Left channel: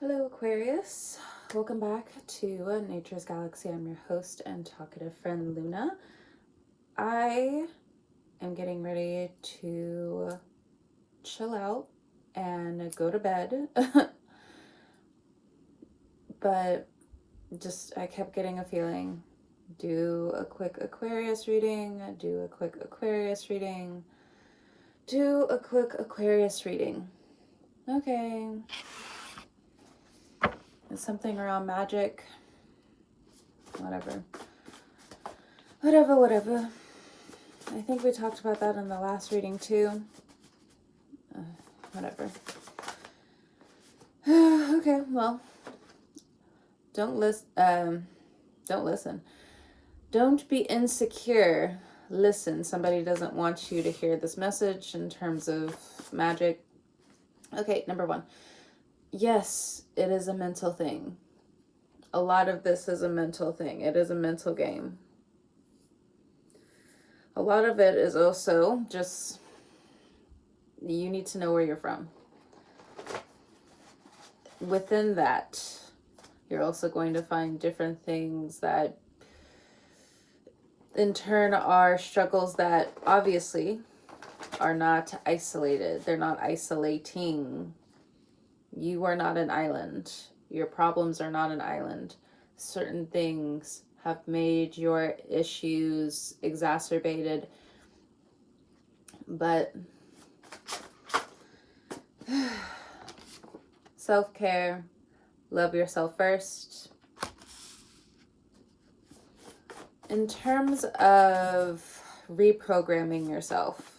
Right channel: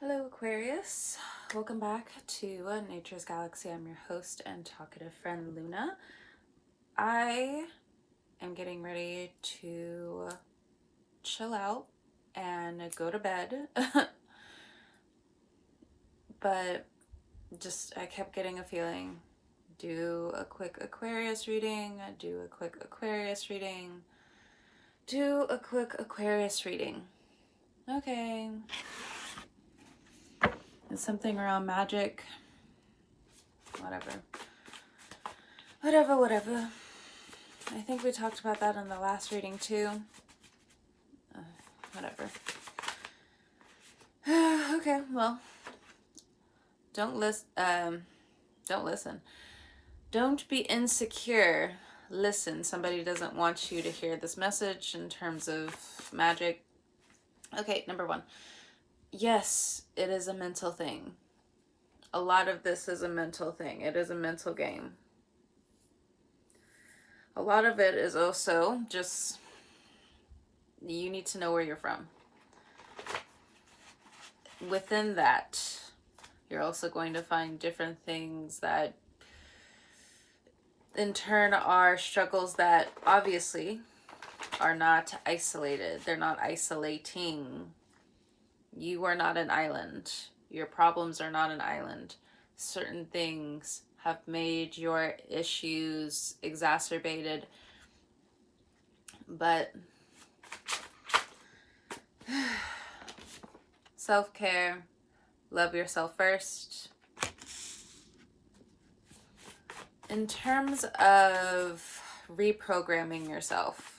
Hello Aquarius, welcome back to Nature's Galaxy. I'm your host and talkative friend Luna. I am getting ready to chill out and go to bed, but I kept getting a feeling. Do a quick Aquarius reading, do a quick Aquarius reading, do a quick Aquarius reading. Okay. Is something around magic? Whatever. I think we talked about that in the last reading too. Whatever. Okay, well, don't listen. Don't be insecure. Listen. Somebody doesn't want you to hear this message in terms of magic. Okay, number one. Yes, it is a mental thing. A lot of this is a mental thing. It is a mental game. A lot of it is also just, you need to know where you're from. Within that, you're also going to find different things that in turn are struggles that obviously are not isolated. They're not isolating. You are not an island. Your problems are not an island. Certain things have made your issues exacerbated, but self-care, love yourself first. In terms of reprogramming yourself,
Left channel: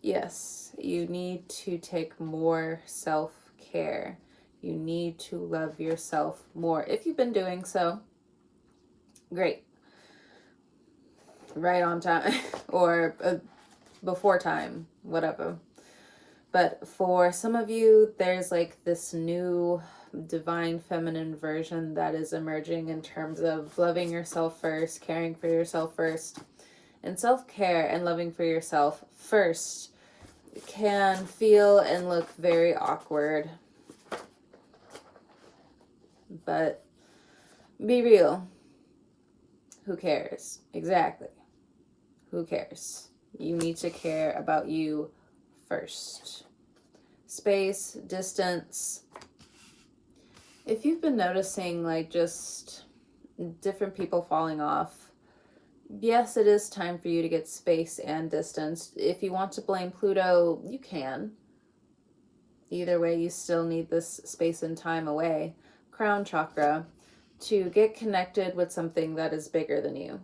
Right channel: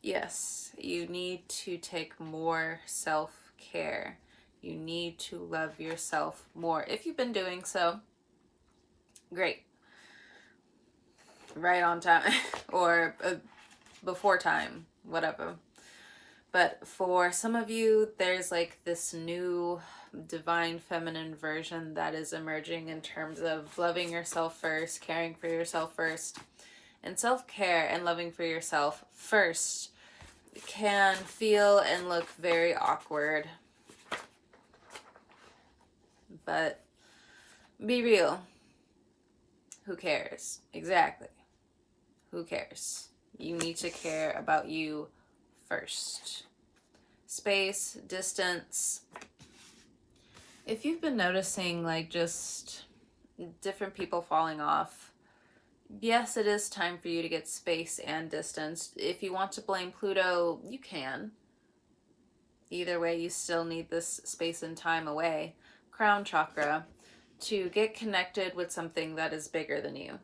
yes, you need to take more self-care. You need to love yourself more. If you've been doing so, great. Right on time or before time, whatever. But for some of you, there's like this new divine feminine version that is emerging in terms of loving yourself first, caring for yourself first. And self-care and loving for yourself first can feel and look very awkward. But be real. Who cares? Exactly. Who cares? You need to care about you first. Space, distance. If you've been noticing like just different people falling off, yes, it is time for you to get space and distance. If you want to blame Pluto, you can. Either way, you still need this space and time away. Crown chakra, to get connected with something that is bigger than you.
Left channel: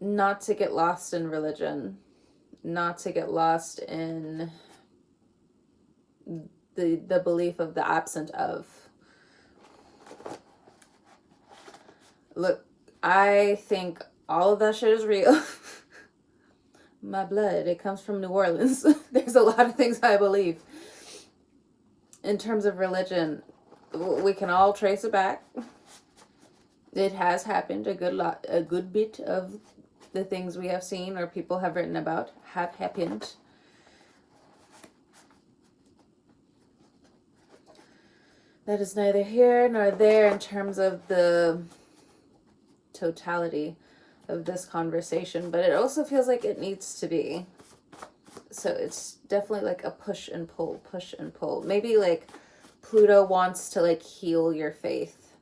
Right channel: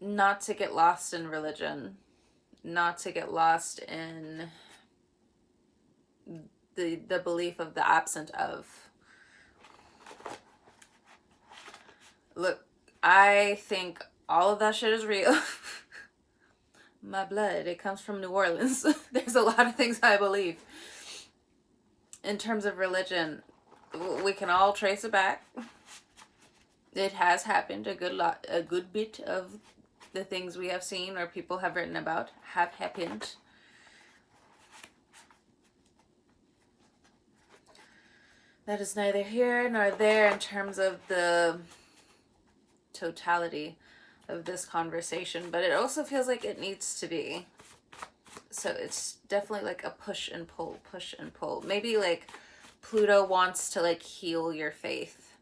Not to get lost in religion. Not to get lost in the belief of the absent of. Look, I think all of that shit is real. My blood, it comes from New Orleans. There's a lot of things I believe. In terms of religion, we can all trace it back. It has happened. A good bit of the things we have seen or people have written about have happened. That is neither here nor there in terms of the totality of this conversation, but it also feels like it needs to be. So it's definitely like a push and pull. Maybe like Pluto wants to like heal your faith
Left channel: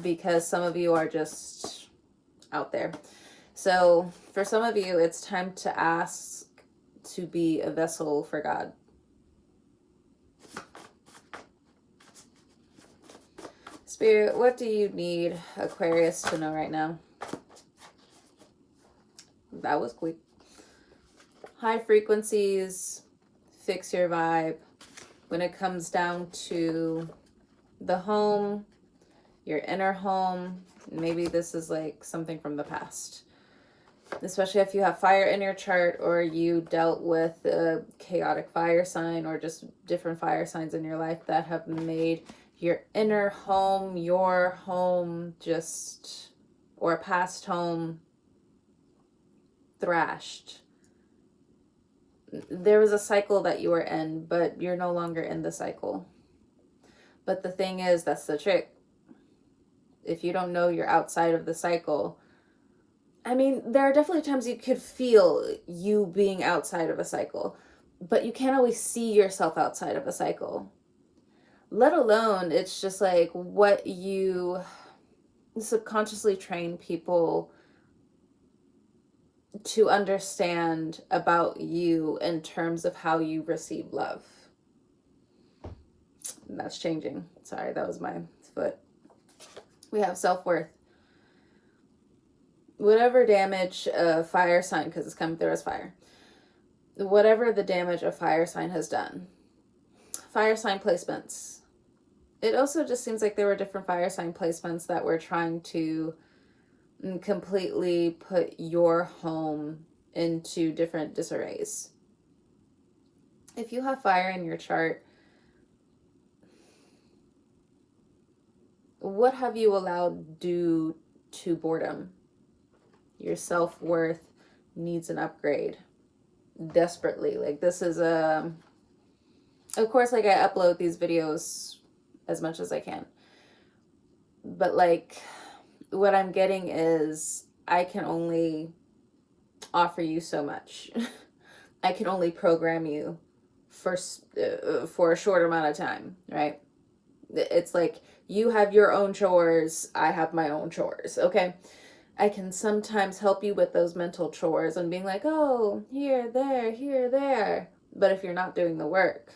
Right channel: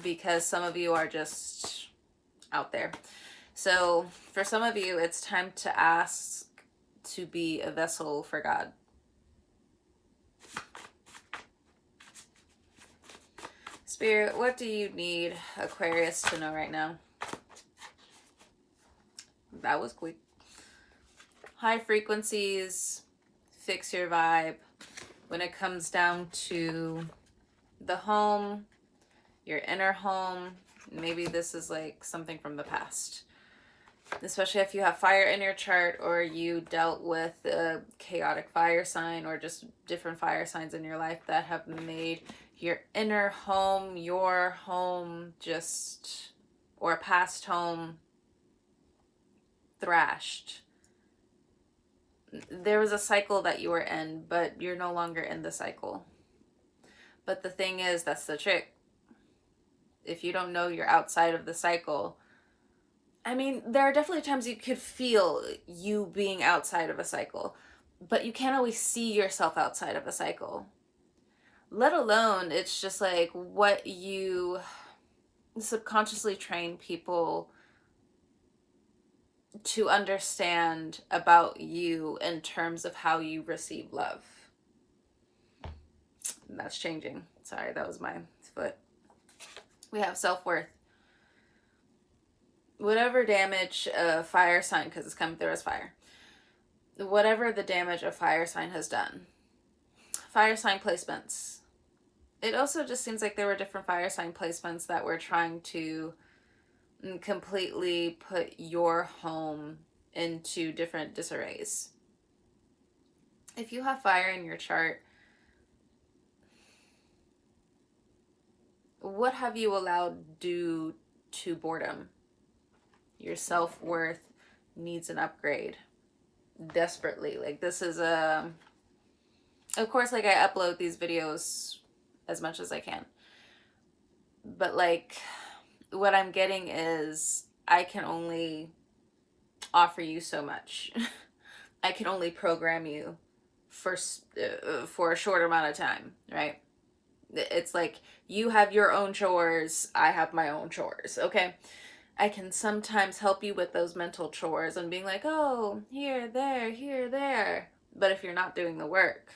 because some of you are just out there. So for some of you, it's time to ask to be a vessel for God. Spirit, what do you need Aquarius to know right now? That was quick. High frequencies, fix your vibe. When it comes down to the home, your inner home, maybe this is like something from the past. Especially if you have fire in your chart or you dealt with a chaotic fire sign or just different fire signs in your life that have made your inner home, your home, just, or a past home thrashed. There was a cycle that you were in, but you're no longer in the cycle. But the thing is, that's the trick. If you don't know you're outside of the cycle, I mean, there are definitely times you could feel you being outside of a cycle, but you can't always see yourself outside of a cycle. Let alone, it's just like what you subconsciously train people to understand about you in terms of how you receive love. And that's changing. Sorry, that was my foot. We have self-worth. Whatever damage a fire sign, because it's coming through as fire, whatever the damage a fire sign has done, fire sign placements. It also just seems like there were different fire sign placements that were trying to completely put your home into different disarrays. If you have fire in your chart, what have you allowed due to boredom? Your self-worth needs an upgrade desperately. Like, this is of course, like, I upload these videos as much as I can, but like, what I'm getting is I can only offer you so much. I can only program you for a short amount of time, right? It's like, you have your own chores, I have my own chores, okay? I can sometimes help you with those mental chores and being like, oh, here, there. But if you're not doing the work,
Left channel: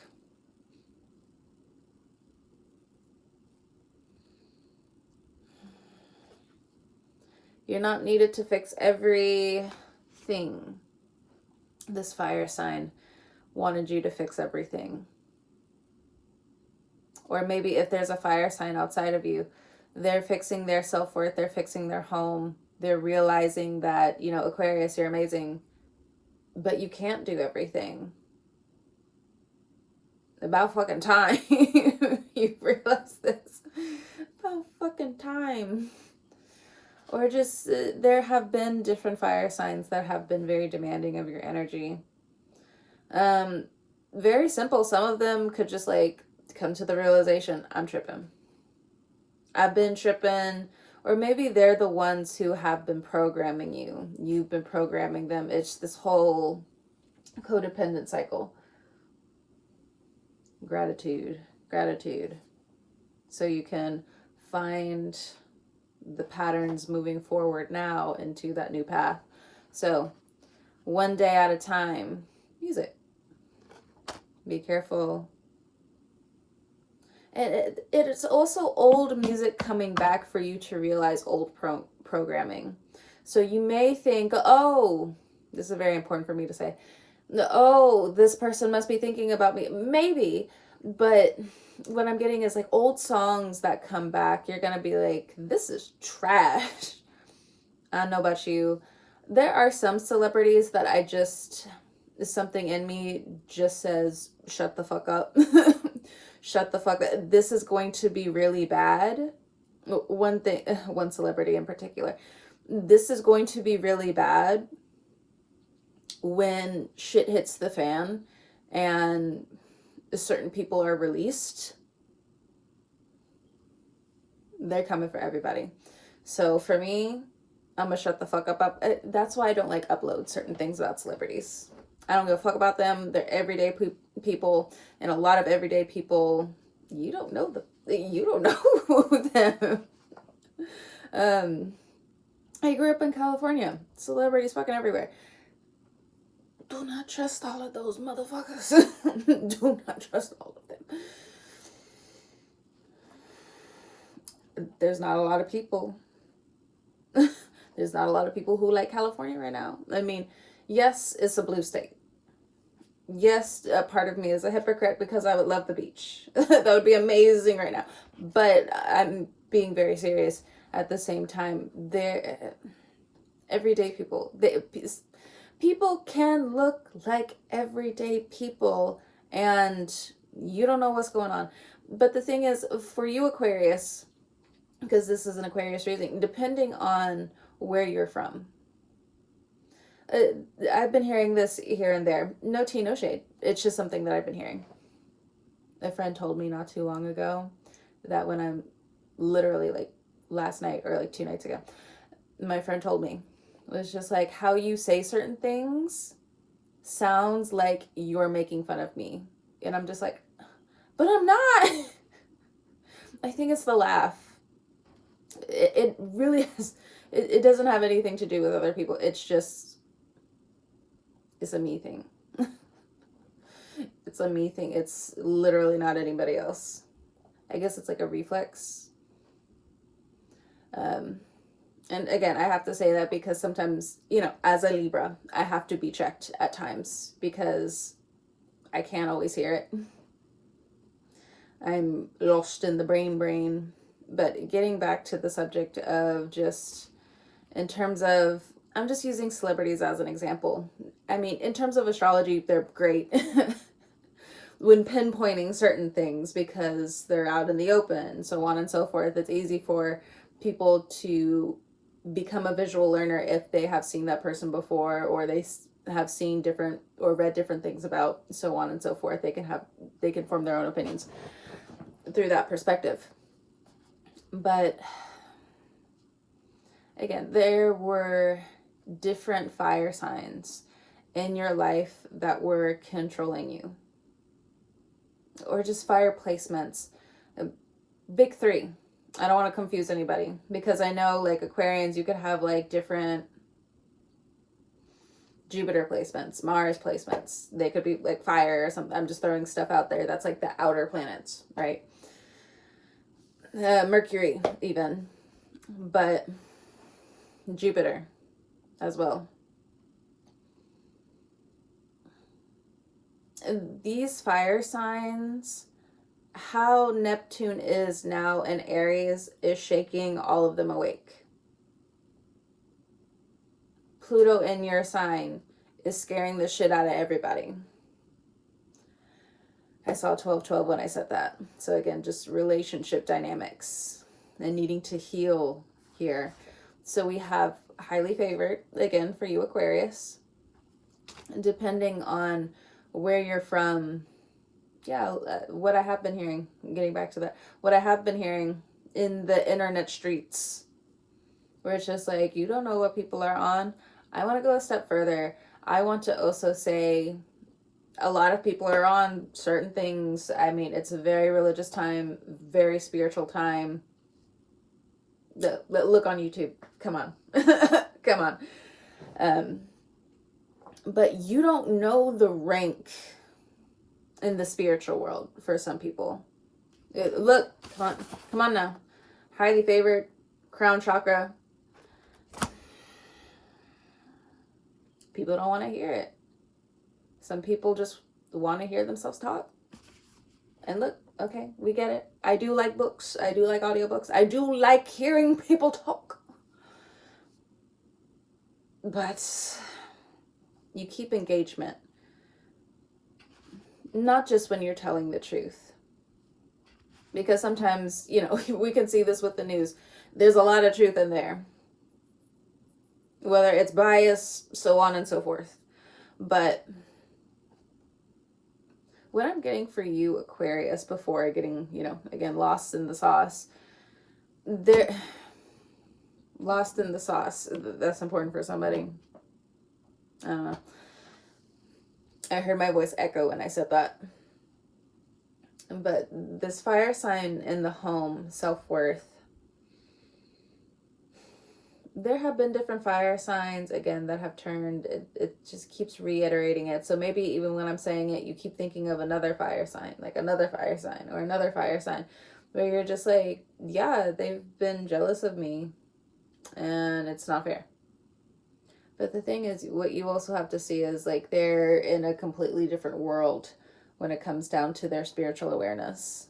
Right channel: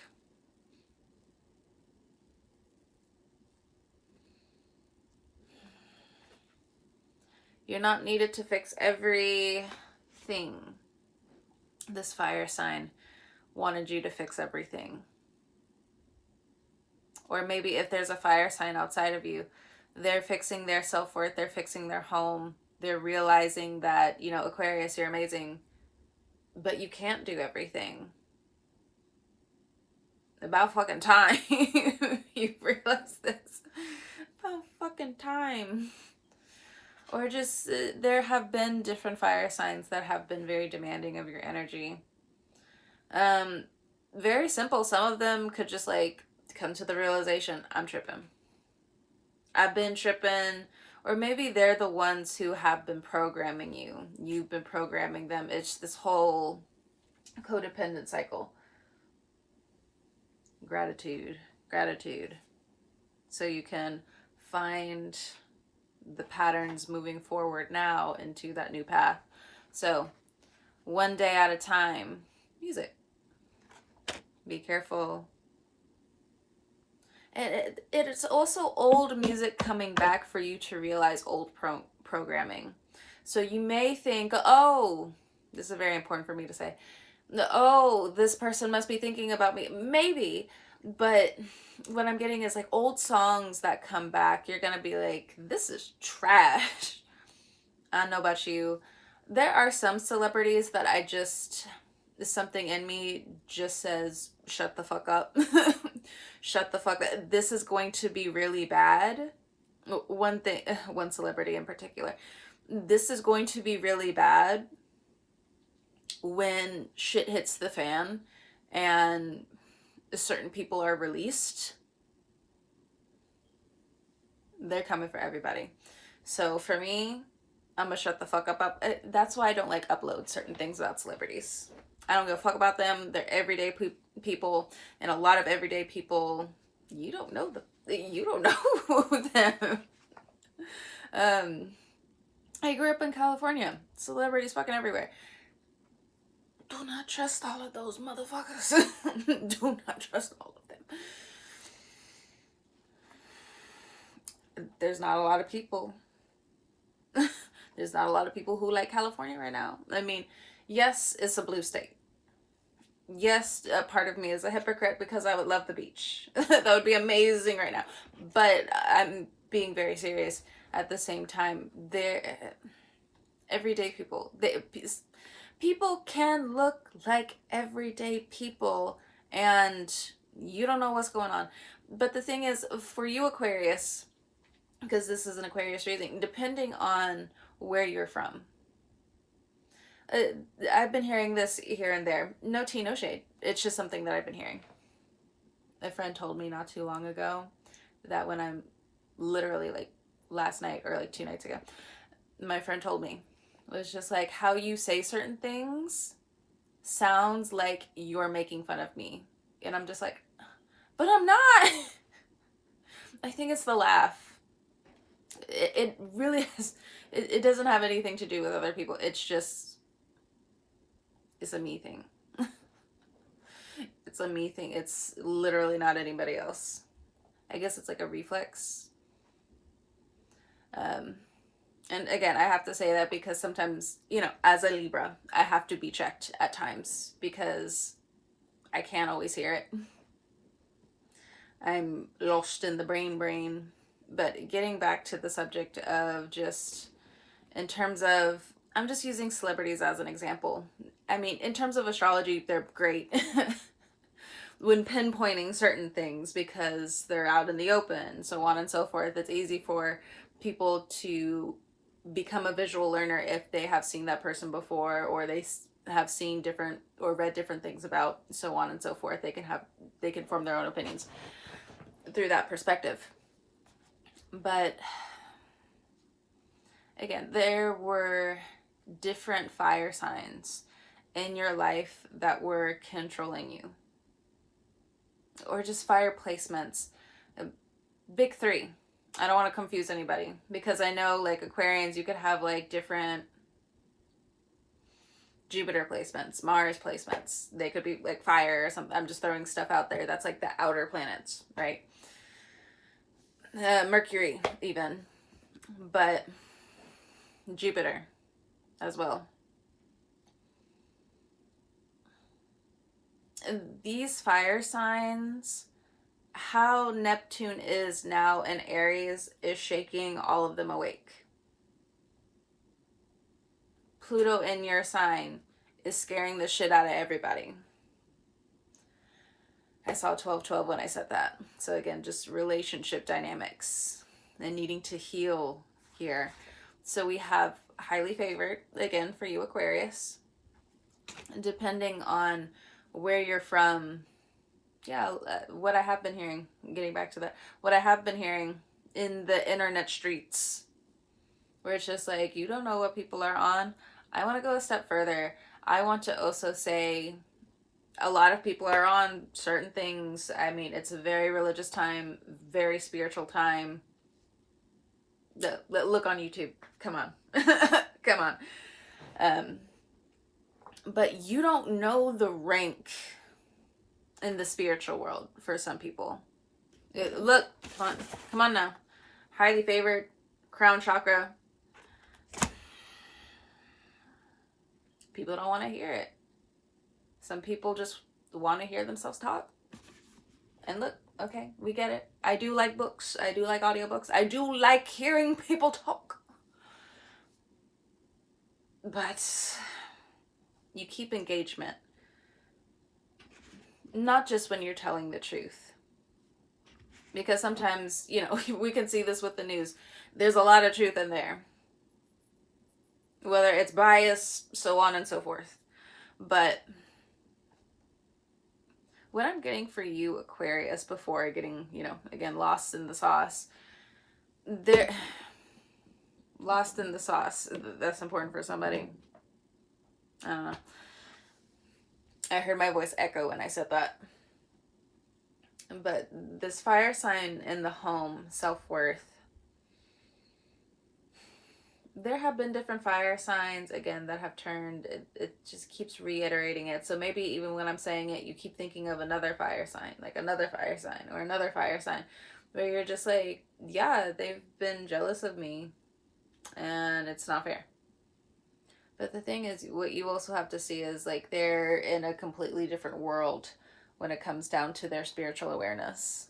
you're not needed to fix everything. This fire sign wanted you to fix everything. Or maybe if there's a fire sign outside of you, they're fixing their self-worth, they're fixing their home, they're realizing that, you know, Aquarius, you're amazing, but you can't do everything. About fucking time. You realize this. About fucking time. Or just, there have been different fire signs that have been very demanding of your energy. Very simple. Some of them could just like come to the realization, I'm tripping. I've been tripping. Or maybe they're the ones who have been programming you. You've been programming them. It's this whole codependent cycle. Gratitude. So you can find the patterns moving forward now into that new path. So one day at a time, music. Be careful. And it's also old music coming back for you to realize old programming. So you may think, oh, this is very important for me to say, oh, this person must be thinking about me. Maybe, but what I'm getting is like old songs that come back. You're going to be like, this is trash. I don't know about you. There are some celebrities that I just, something in me just says, shut the fuck up. Shut the fuck up. This is going to be really bad. One celebrity in particular. This is going to be really bad when shit hits the fan and certain people are released. They're coming for everybody. So for me, I'm gonna shut the fuck up. That's why I don't like upload certain things about celebrities. I don't give a fuck about them. They're everyday people, and a lot of everyday people, you don't know them. I grew up in California. Celebrities fucking everywhere. Do not trust all of those motherfuckers. Do not trust all of them. There's not a lot of people. There's not a lot of people who like California right now. I mean, yes, it's a blue state. Yes, a part of me is a hypocrite because I would love the beach. That would be amazing right now. But I'm being very serious at the same time. They're everyday people. People can look like everyday people and you don't know what's going on. But the thing is, for you, Aquarius, because this is an Aquarius reading, depending on where you're from, I've been hearing this here and there. No tea, no shade. It's just something that I've been hearing. A friend told me not too long ago that when I'm literally like last night or like 2 nights ago, my friend told me, it was just like how you say certain things sounds like you're making fun of me. And I'm just like, but I'm not. I think it's the laugh. It really is. It doesn't have anything to do with other people. It's just, it's a me thing. It's a me thing. It's literally not anybody else. I guess it's like a reflex. And again, I have to say that because sometimes, as a Libra, I have to be checked at times because I can't always hear it. I'm lost in the brain. But getting back to the subject of just in terms of, I'm just using celebrities as an example. I mean, in terms of astrology, they're great when pinpointing certain things because they're out in the open, so on and so forth. It's easy for people to become a visual learner if they have seen that person before, or they have seen different or read different things about, so on and so forth. They can form their own opinions through that perspective. But again, there were different fire signs in your life that were controlling you, or just fire placements. Big three. I don't want to confuse anybody because I know like Aquarians, you could have like different Jupiter placements, Mars placements. They could be like fire or something. I'm just throwing stuff out there. That's like the outer planets, right? Mercury even, but Jupiter as well. And these fire signs, how Neptune is now in Aries is shaking all of them awake. Pluto in your sign is scaring the shit out of everybody. I saw 12/12 when I said that. So again, just relationship dynamics and needing to heal here. So we have highly favored, again, for you Aquarius. Depending on where you're from, what I have been hearing, getting back to that, what I have been hearing in the internet streets, where it's just like, you don't know what people are on. I want to go a step further. I want to also say a lot of people are on certain things. I mean, it's a very religious time, very spiritual time. Look on YouTube. Come on. Come on. But you don't know the rank in the spiritual world for some people. Look, come on now. Highly favored, crown chakra. People don't want to hear it. Some people just want to hear themselves talk. And look, okay, we get it. I do like books. I do like audiobooks. I do like hearing people talk. But you keep engagement. Not just when you're telling the truth. Because sometimes, we can see this with the news. There's a lot of truth in there. Whether it's bias, so on and so forth. But what I'm getting for you, Aquarius, before getting, again, lost in the sauce. Lost in the sauce. That's important for somebody. I don't know. I heard my voice echo when I said that. But this fire sign in the home, self-worth. There have been different fire signs, again, that have turned. It just keeps reiterating it. So maybe even when I'm saying it, you keep thinking of another fire sign, like another fire sign or another fire sign, where you're just like, yeah, they've been jealous of me and it's not fair. But the thing is, what you also have to see is like they're in a completely different world when it comes down to their spiritual awareness.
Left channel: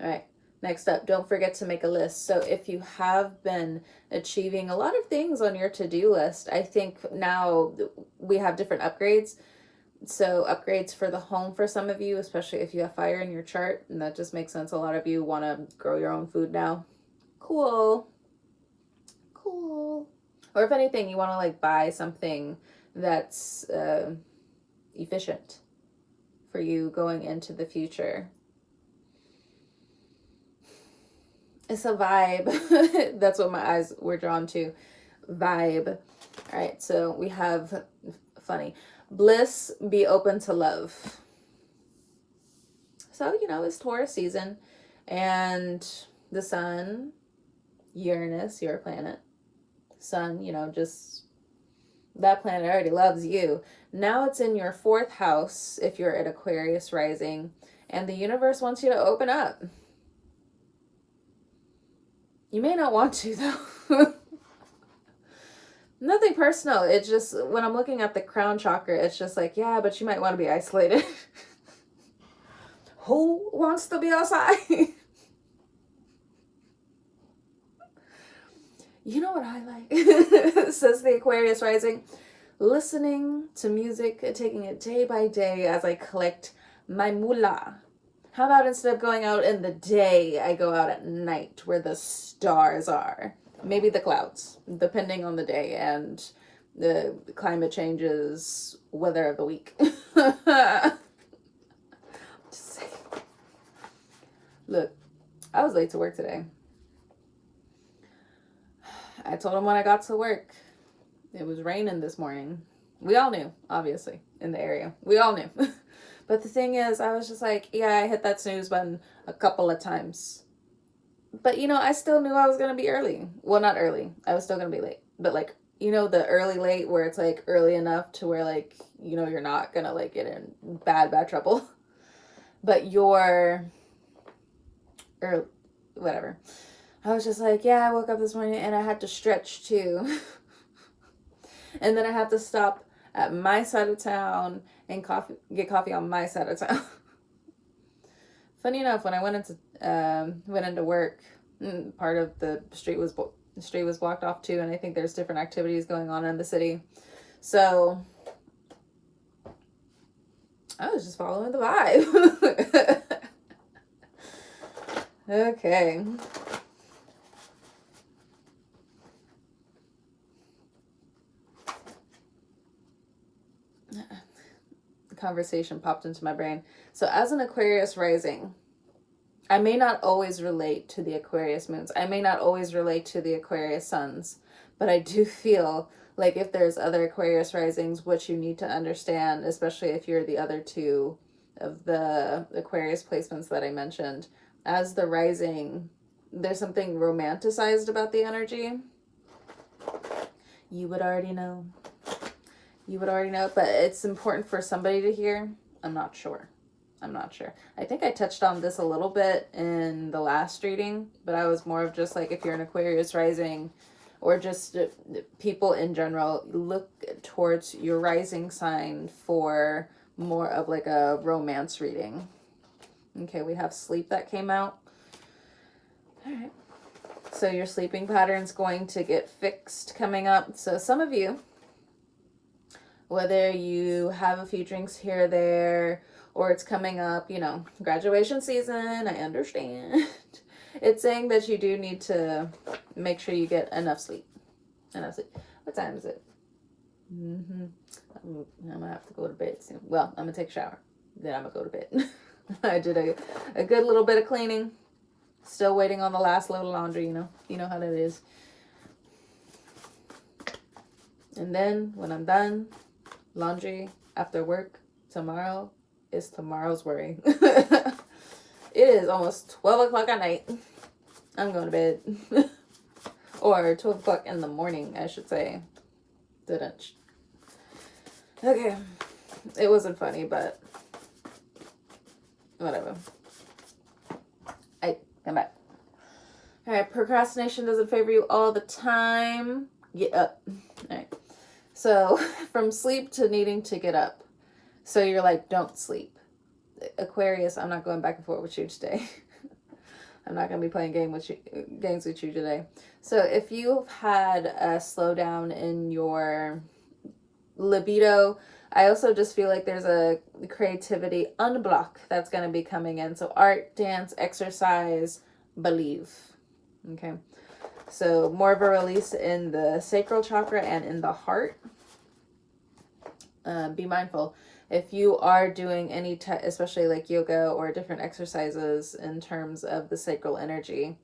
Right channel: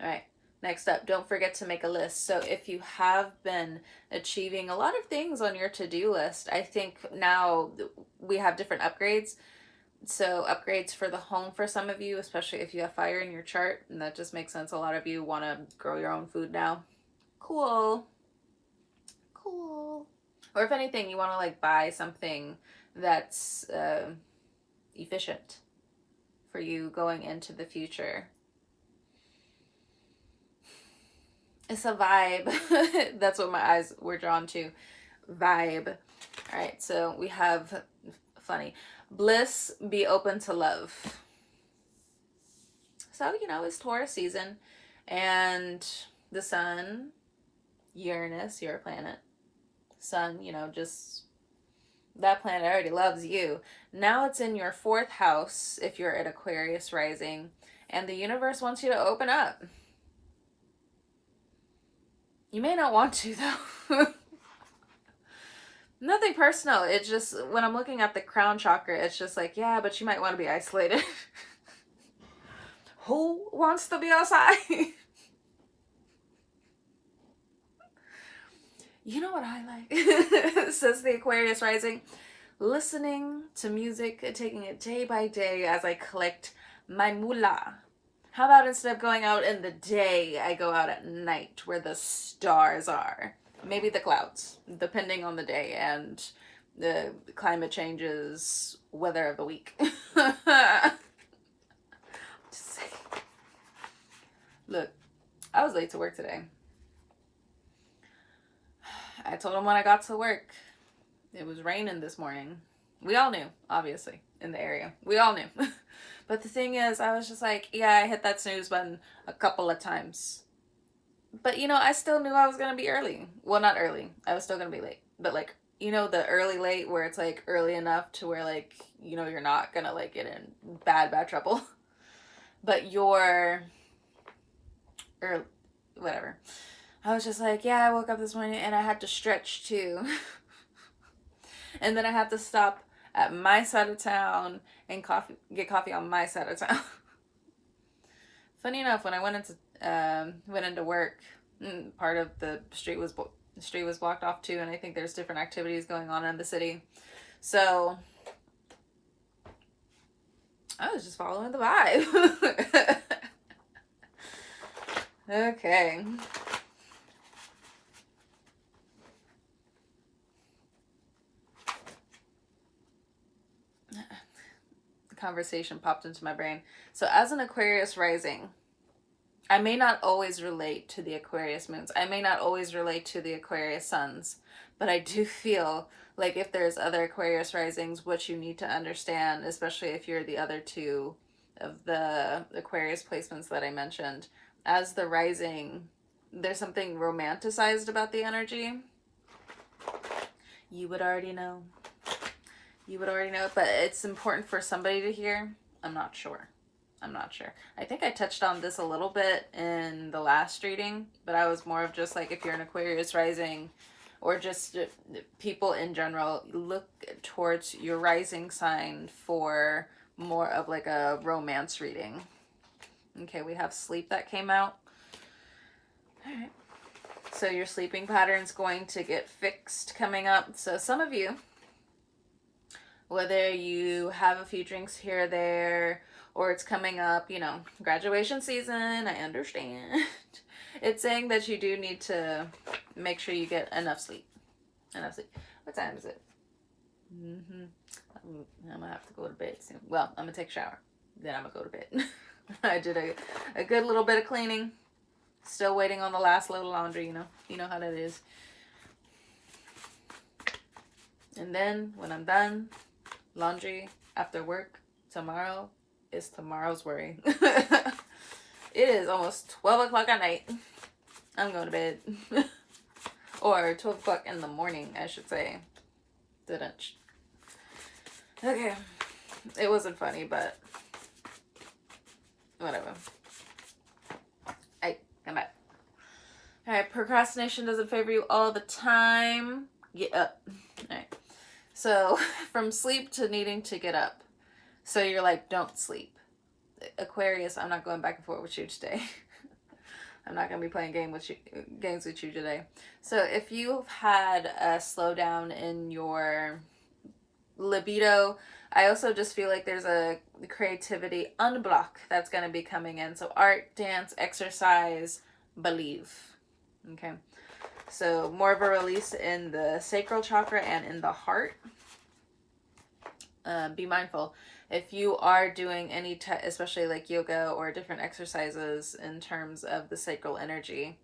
All right. Next up, don't forget to make a list. So if you have been achieving a lot of things on your to-do list, I think now we have different upgrades. So upgrades for the home for some of you, especially if you have fire in your chart, and that just makes sense. A lot of you want to grow your own food now. Cool. Or if anything, you want to like buy something that's efficient for you going into the future. It's a vibe. That's what my eyes were drawn to. Vibe. All right, so we have, funny, bliss, be open to love. So, you know, it's Taurus season, and the sun, Uranus, your planet, sun, you know, just that planet already loves you. Now it's in your 4th house if you're at Aquarius rising, and the universe wants you to open up. You may not want to, though. Nothing personal. It's just, when I'm looking at the crown chakra, it's just like, yeah, but you might want to be isolated. Who wants to be outside? You know what I like? Says the Aquarius rising. Listening to music, taking it day by day as I collect my moolah. How about instead of going out in the day, I go out at night where the stars are? Maybe the clouds, depending on the day and the climate changes, weather of the week. Just saying. Look, I was late to work today. I told him when I got to work, it was raining this morning. We all knew, obviously, in the area. We all knew. But the thing is, I was just like, yeah, I hit that snooze button a couple of times. But, you know, I still knew I was going to be early. Well, not early. I was still going to be late. But, like, you know, the early late where it's, like, early enough to where, like, you know, you're not going to, like, get in bad trouble. But you're, or whatever. I was just like, yeah, I woke up this morning and I had to stretch too. And then I had to stop at my side of town and get coffee on my side of town. Funny enough, when I went into work, part of the street was blocked off too, and I think there's different activities going on in the city. So I was just following the vibe. Okay. The conversation popped into my brain. So as an Aquarius rising, I may not always relate to the Aquarius moons. I may not always relate to the Aquarius suns, but I do feel like if there's other Aquarius risings, what you need to understand, especially if you're the other two of the Aquarius placements that I mentioned, as the rising, there's something romanticized about the energy. You would already know. You would already know, but it's important for somebody to hear. I'm not sure. I think I touched on this a little bit in the last reading, but I was more of just like, if you're an Aquarius rising or just people in general, look towards your rising sign for more of like a romance reading. Okay, we have sleep that came out. All right. So your sleeping pattern's going to get fixed coming up. So some of you, whether you have a few drinks here or there, or it's coming up, you know, graduation season, I understand. It's saying that you do need to make sure you get enough sleep. What time is it? I'm gonna have to go to bed soon. Well, I'm gonna take a shower. Then I'm gonna go to bed. I did a good little bit of cleaning. Still waiting on the last load of laundry, you know. You know how that is. And then when I'm done, laundry after work tomorrow is tomorrow's worry. It is almost 12 o'clock at night. I'm going to bed. Or 12 o'clock in the morning, I should say. Didn't. Okay. It wasn't funny, but whatever. Come back. All right. Procrastination doesn't favor you all the time. Get up. All right. So from sleep to needing to get up. So you're like, don't sleep. Aquarius, I'm not going back and forth with you today. I'm not going to be playing games with you today. So if you've had a slowdown in your libido, I also just feel like there's a creativity unblock that's going to be coming in. So art, dance, exercise, believe. Okay. So more of a release in the sacral chakra and in the heart. Be mindful. If you are doing any, especially like yoga or different exercises in terms of the sacral energy,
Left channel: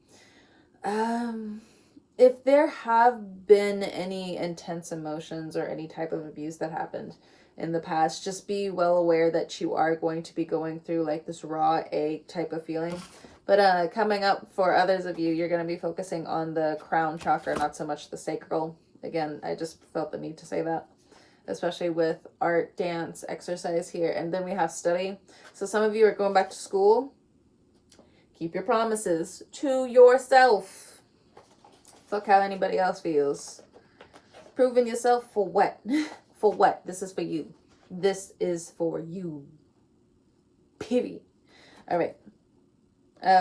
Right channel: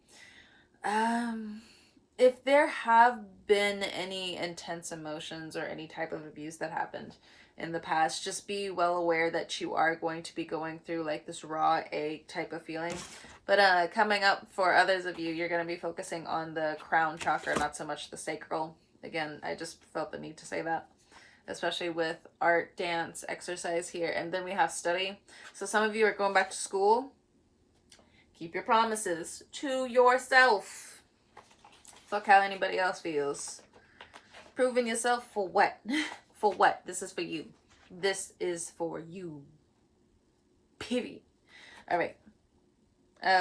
if there have been any intense emotions or any type of abuse that happened in the past, just be well aware that you are going to be going through like this raw egg type of feeling. But coming up for others of you, you're going to be focusing on the crown chakra, not so much the sacral. Again, I just felt the need to say that, especially with art, dance, exercise here. And then we have study. So some of you are going back to school. Keep your promises to yourself. Fuck how anybody else feels. Proving yourself for what? For what? This is for you. This is for you. Period. All right.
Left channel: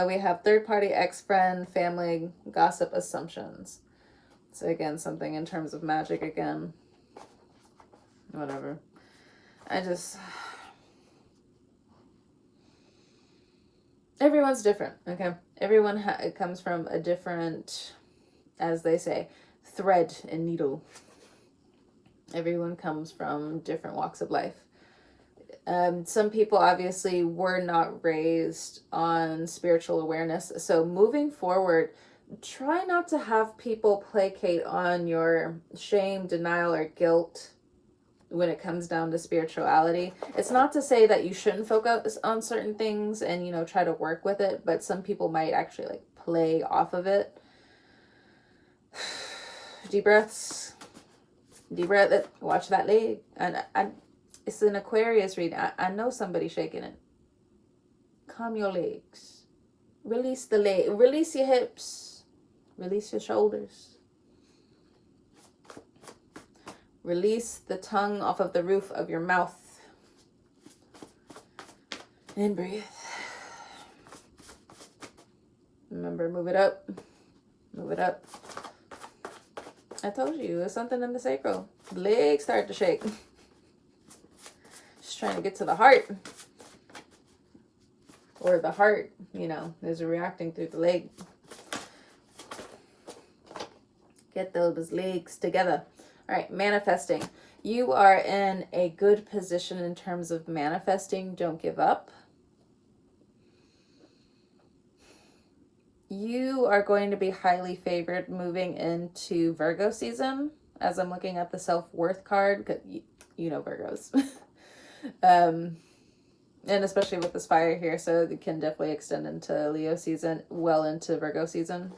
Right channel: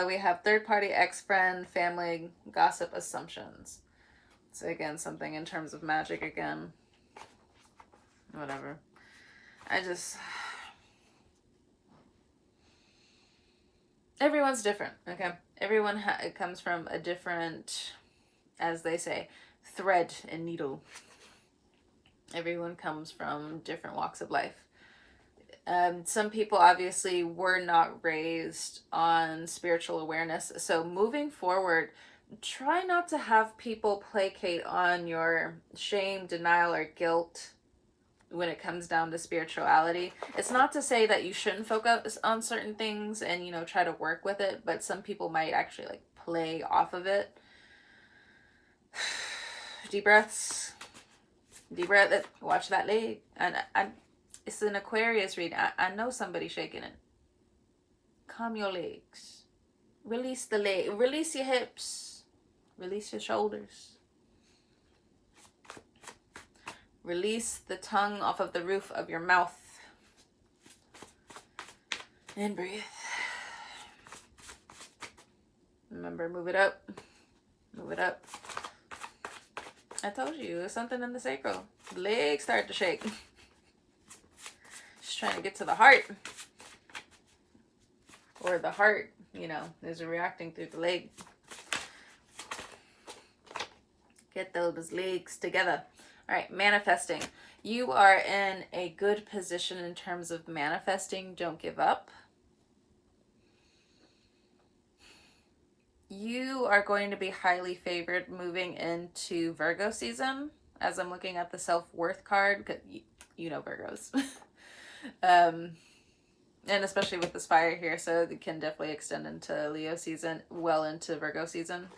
We have third party, ex-friend, family, gossip, assumptions. So again, something in terms of magic again. Whatever. Everyone's different, okay? Everyone comes from a different, as they say, thread and needle. Everyone comes from different walks of life. Some people obviously were not raised on spiritual awareness. So moving forward, try not to have people placate on your shame, denial, or guilt when it comes down to spirituality. It's not to say that you shouldn't focus on certain things and, you know, try to work with it, but some people might actually like play off of it. Deep breaths. Deep breath. Watch that leg. And it's an Aquarius reading. I know somebody shaking it. Calm your legs. Release the leg. Release your hips. Release your shoulders. Release the tongue off of the roof of your mouth. And breathe. Remember, move it up. Move it up. I told you, there's something in the sacral. The legs start to shake. Just trying to get to the heart. Or the heart, you know, is reacting through the leg. Get those legs together. All right, manifesting. You are in a good position in terms of manifesting. Don't give up. You are going to be highly favored moving into Virgo season. As I'm looking at the self-worth card, because you know Virgos. And especially with this fire here, so it can definitely extend into Leo season, well into Virgo season.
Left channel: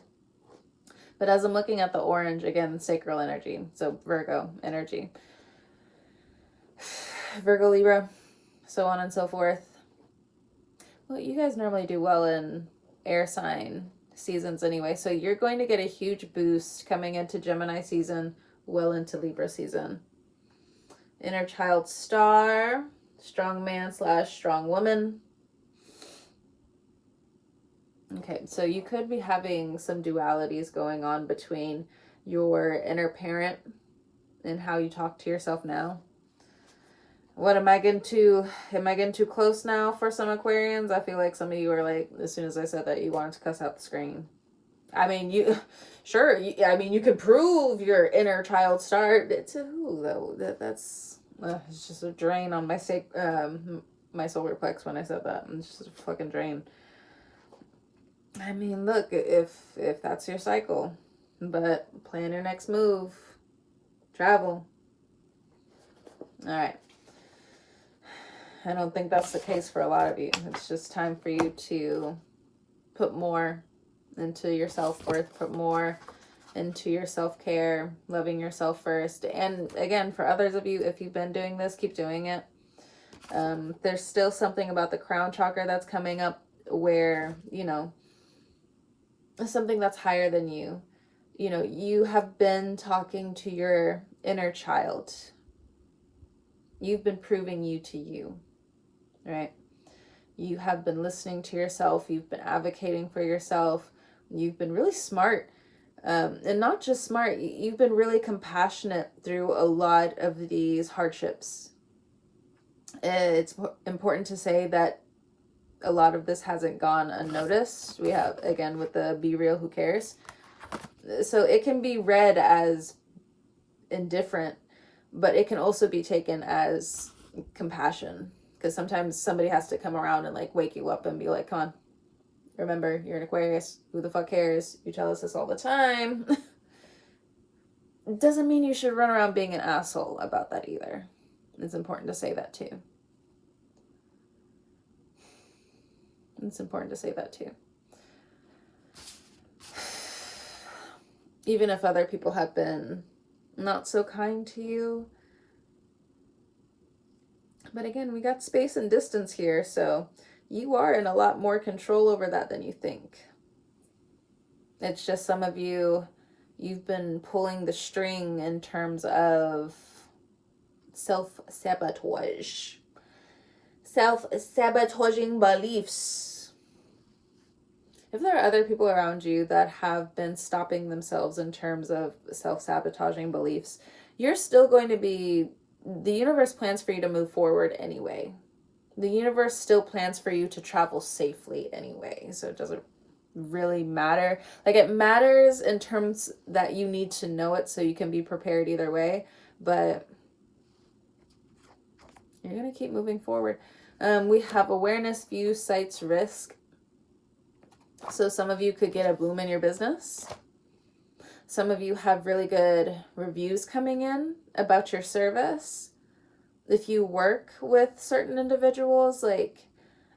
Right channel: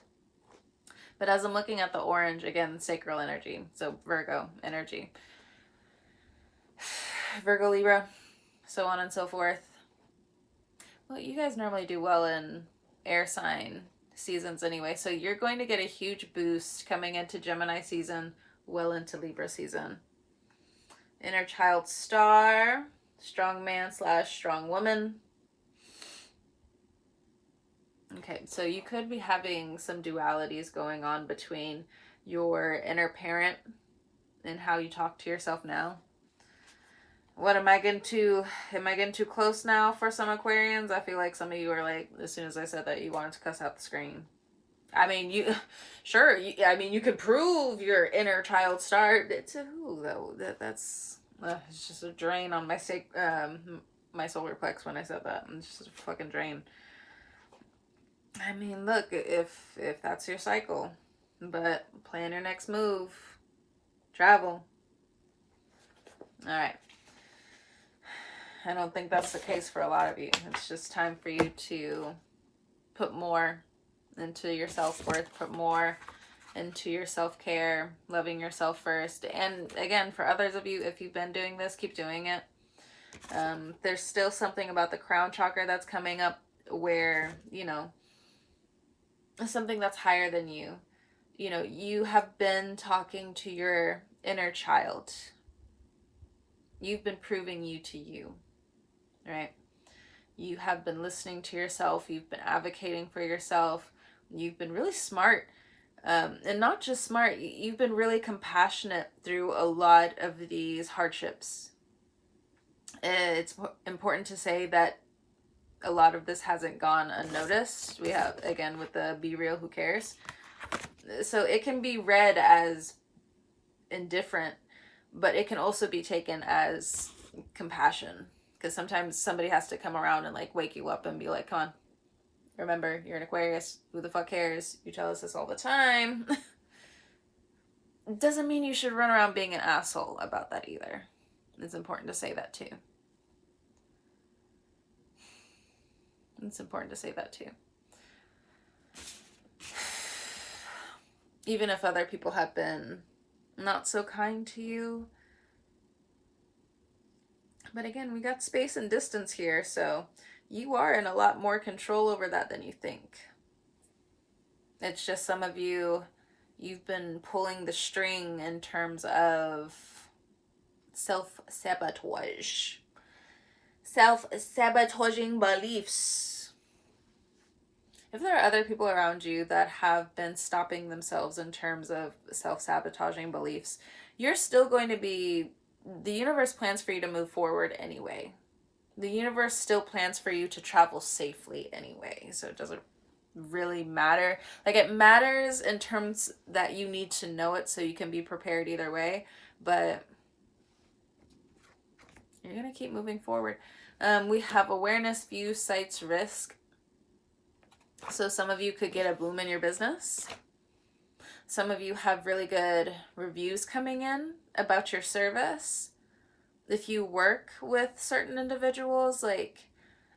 But as I'm looking at the orange, again, sacral energy, so Virgo energy. Virgo, Libra, so on and so forth. Well, you guys normally do well in air sign seasons anyway, so you're going to get a huge boost coming into Gemini season, well into Libra season. Inner child star, strong man / strong woman. Okay, so you could be having some dualities going on between your inner parent and how you talk to yourself now. What am I getting too close now for some Aquarians? I feel like some of you are like, as soon as I said that, you wanted to cuss out the screen. I mean, you could prove your inner child star to who though? That's it's just a drain on my my solar plex when I said that. It's just a fucking drain. I mean, look, if that's your cycle, but plan your next move. Travel. All right. I don't think that's the case for a lot of you. It's just time for you to put more into your self-worth, put more into your self-care, loving yourself first. And again, for others of you, if you've been doing this, keep doing it. There's still something about the crown chakra that's coming up where, you know, something that's higher than you. You know, you have been talking to your inner child. You've been proving you to you, right? You have been listening to yourself. You've been advocating for yourself. You've been really smart. And not just smart, you've been really compassionate through a lot of these hardships. It's important to say that a lot of this hasn't gone unnoticed. We have, again, with the be real, who cares? So it can be read as indifferent, but it can also be taken as compassion, because sometimes somebody has to come around and like wake you up and be like, come on, remember, you're an Aquarius. Who the fuck cares? You tell us this all the time. Doesn't mean you should run around being an asshole about that either. It's important to say that too. It's important to say that too. Even if other people have been not so kind to you. But again, we got space and distance here, so you are in a lot more control over that than you think. It's just some of you, you've been pulling the string in terms of self-sabotage. Self-sabotaging beliefs. If there are other people around you that have been stopping themselves in terms of self-sabotaging beliefs, you're still going to be, the universe plans for you to move forward anyway. The universe still plans for you to travel safely anyway. So it doesn't really matter. Like, it matters in terms that you need to know it so you can be prepared either way. But you're going to keep moving forward. We have awareness, view, sights, risk. So some of you could get a boom in your business. Some of you have really good reviews coming in about your service. If you work with certain individuals, like,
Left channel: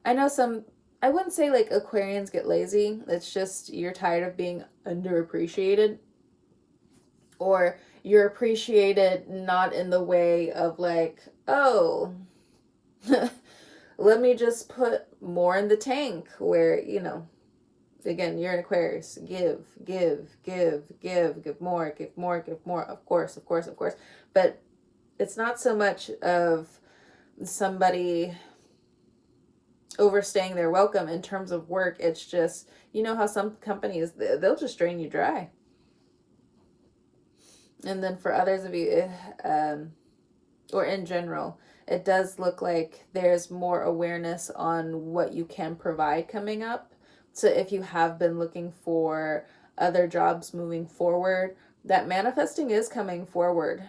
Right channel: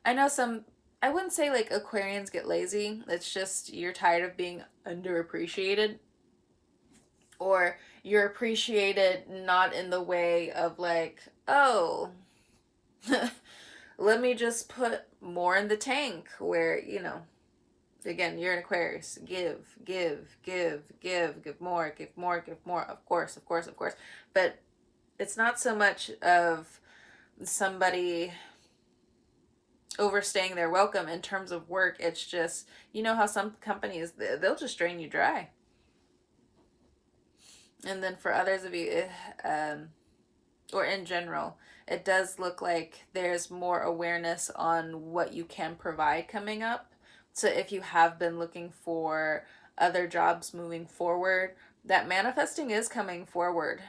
I know some, I wouldn't say like Aquarians get lazy. It's just you're tired of being underappreciated. Or you're appreciated not in the way of like, oh, let me just put more in the tank, where, you know, again, you're an Aquarius. Give more. Of course. But it's not so much of somebody overstaying their welcome in terms of work. It's just, you know how some companies, they'll just drain you dry. And then for others of you, or in general, it does look like there's more awareness on what you can provide coming up. So if you have been looking for other jobs moving forward, that manifesting is coming forward.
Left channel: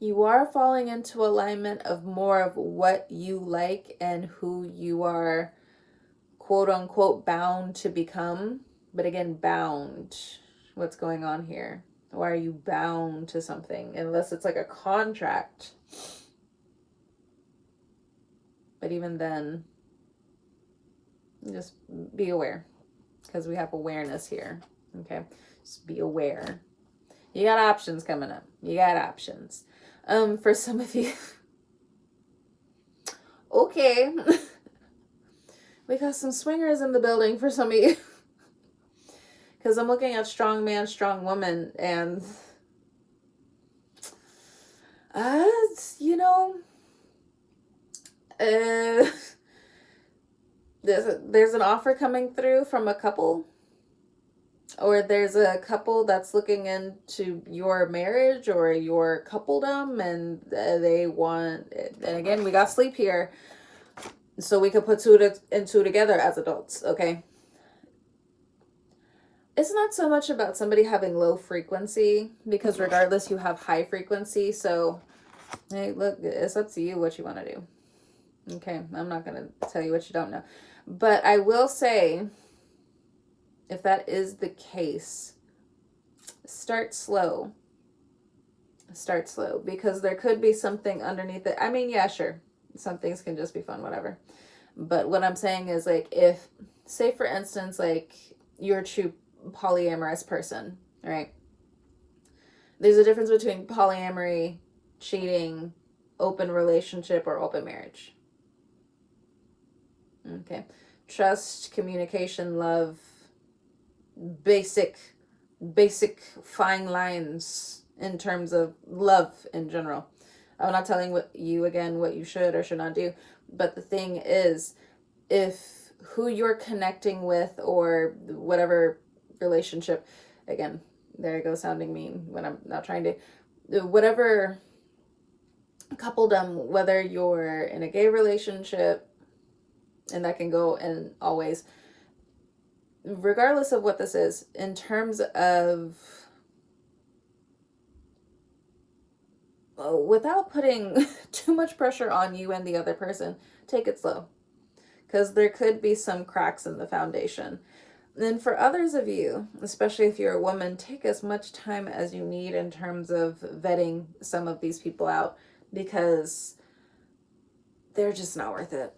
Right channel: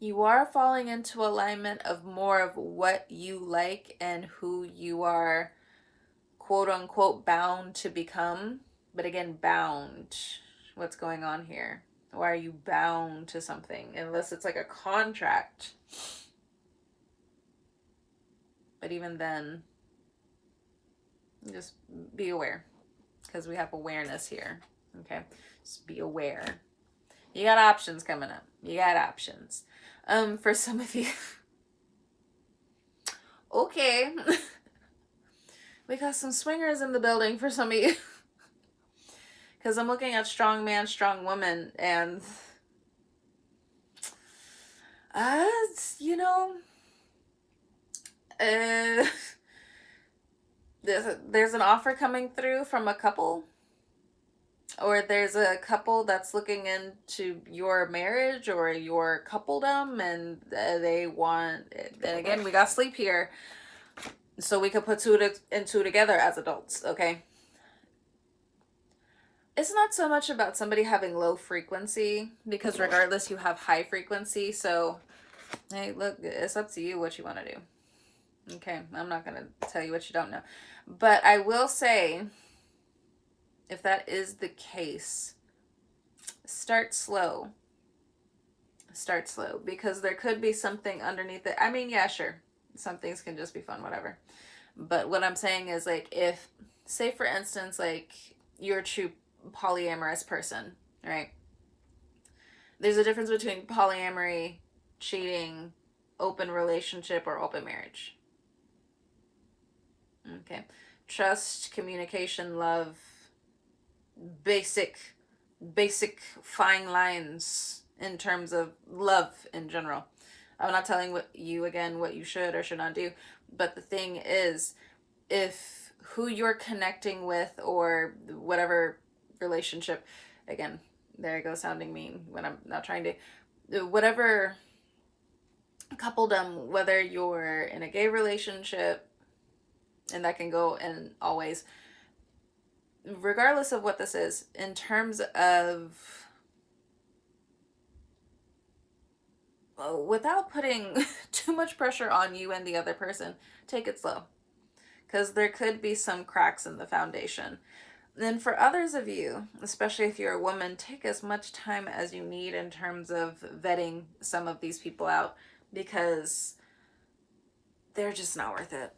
You are falling into alignment of more of what you like and who you are, quote unquote, bound to become. But again, bound. What's going on here? Why are you bound to something? Unless it's like a contract. But even then, just be aware, because we have awareness here. Okay, just be aware. You got options coming up. You got options. For some of you, okay, we got some swingers in the building for some of you. Because I'm looking at strong man, strong woman, and you know, there's an offer coming through from a couple, or there's a couple that's looking into your marriage or your coupledom, and they want, and again, we got sleep here, so we could put two and two together as adults, okay? It's not so much about somebody having low frequency, because regardless, you have high frequency. So, hey, look, it's up to you what you want to do. Okay, I'm not going to tell you what you don't know. But I will say, if that is the case, start slow. Start slow, because there could be something underneath it. I mean, yeah, sure. Some things can just be fun, whatever. But what I'm saying is, like, if, say for instance, like, you're a true polyamorous person, right? There's a difference between polyamory, cheating, open relationship, or open marriage. Okay. Trust, communication, love, basic fine lines in terms of love in general. I'm not telling you again what you should or should not do, but the thing is, if who you're connecting with or whatever relationship, again, there I go sounding mean when I'm not trying to, whatever coupledom, whether you're in a gay relationship, and that can go in all ways, regardless of what this is, in terms of, without putting too much pressure on you and the other person, take it slow. Because there could be some cracks in the foundation. Then for others of you, especially if you're a woman, take as much time as you need in terms of vetting some of these people out, because they're just not worth it.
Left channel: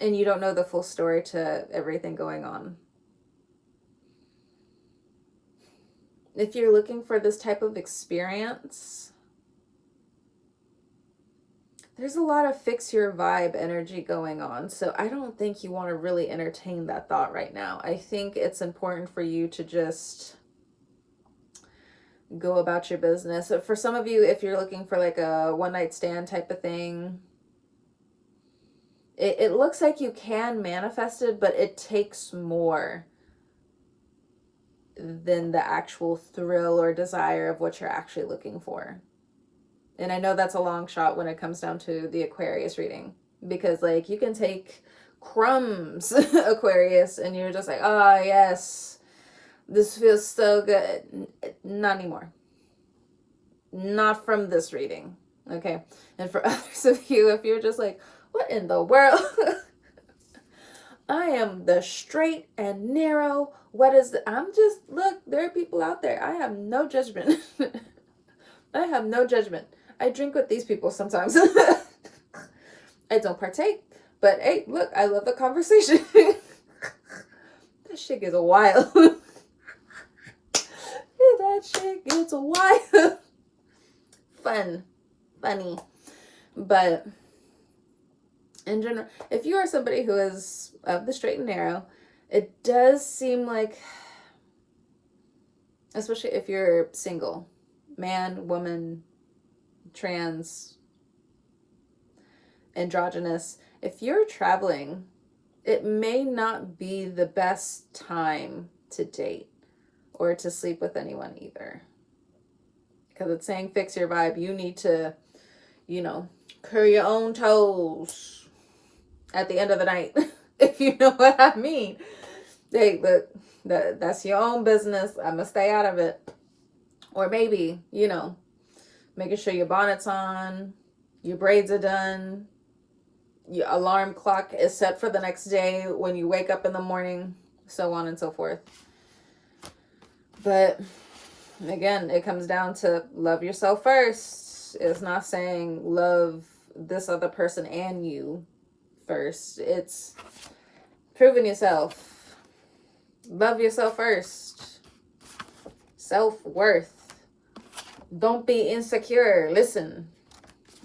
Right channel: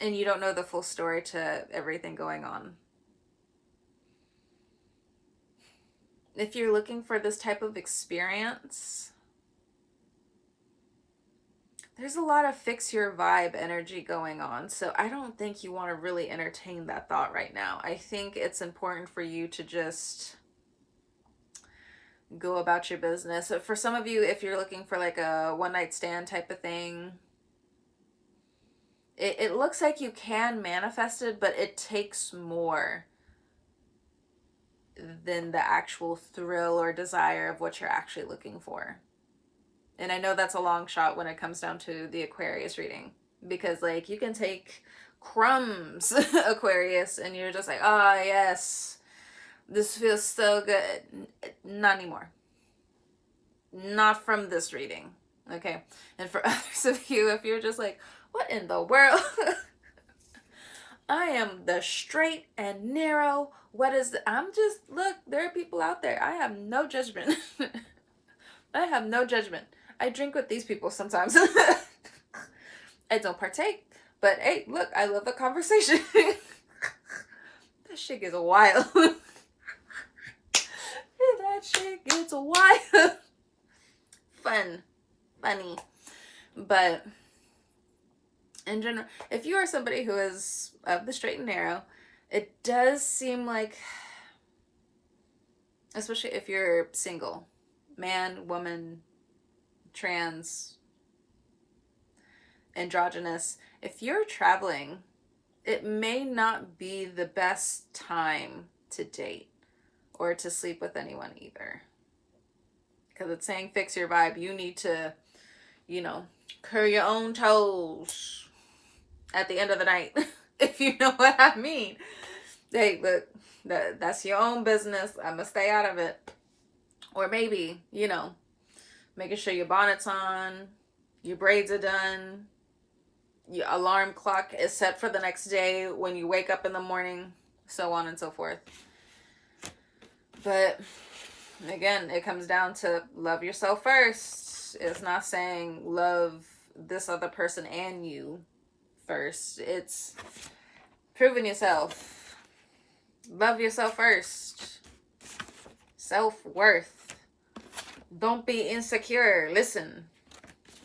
And you don't know the full story to everything going on. If you're looking for this type of experience, there's a lot of fix your vibe energy going on. So I don't think you want to really entertain that thought right now. I think it's important for you to just go about your business. For some of you, if you're looking for like a one night stand type of thing, it looks like you can manifest it, but it takes more than the actual thrill or desire of what you're actually looking for. And I know that's a long shot when it comes down to the Aquarius reading, because like you can take crumbs, Aquarius, and you're just like, oh yes, this feels so good. Not anymore. Not from this reading. Okay. And for others of you, if you're just like, what in the world? I am the straight and narrow. What is I'm just, look, there are people out there. I have no judgment. I have no judgment. I drink with these people sometimes. I don't partake, but hey, look, I love the conversation. That shit gets wild. That shit gets wild. Funny. But in general, if you are somebody who is of the straight and narrow, it does seem like, especially if you're single, man, woman, trans, androgynous, if you're traveling, it may not be the best time to date or to sleep with anyone either. Because it's saying fix your vibe. You need to, curl your own toes at the end of the night, if you know what I mean. Hey, look, that's your own business. I'm going to stay out of it. Or maybe, making sure your bonnet's on, your braids are done, your alarm clock is set for the next day when you wake up in the morning, so on and so forth. But again, it comes down to love yourself first. It's not saying love this other person and you first. It's proving yourself. Love yourself first. Self-worth. Don't be insecure. Listen,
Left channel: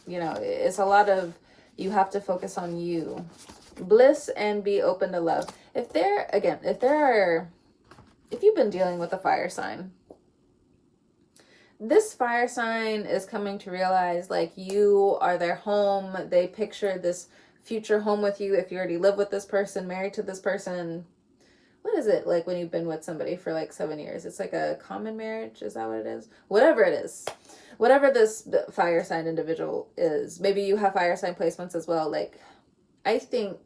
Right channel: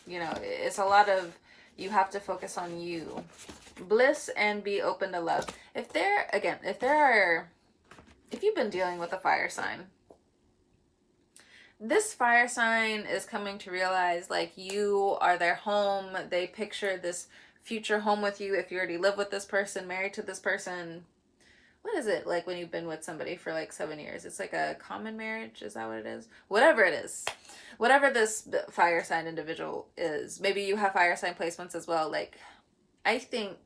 it's a lot of, you have to focus on you. Bliss and be open to love. If you've been dealing with a fire sign, this fire sign is coming to realize like you are their home. They picture this future home with you. If you already live with this person, married to this person, what is it like when you've been with somebody for like 7 years? It's like a common marriage. Is that what it is? Whatever it is, whatever this fire sign individual is. Maybe you have fire sign placements as well. Like, I think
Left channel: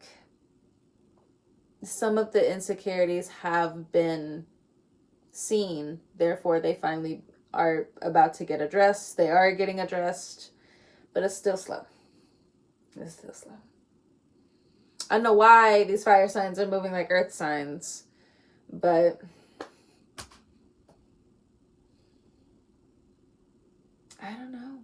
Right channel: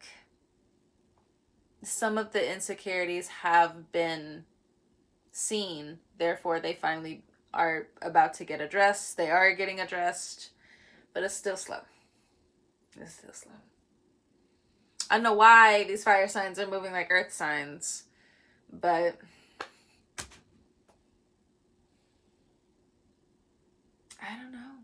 some of the insecurities have been seen. Therefore, they finally are about to get addressed. They are getting addressed, but it's still slow. I don't know why these fire signs are moving like earth signs, but I don't know.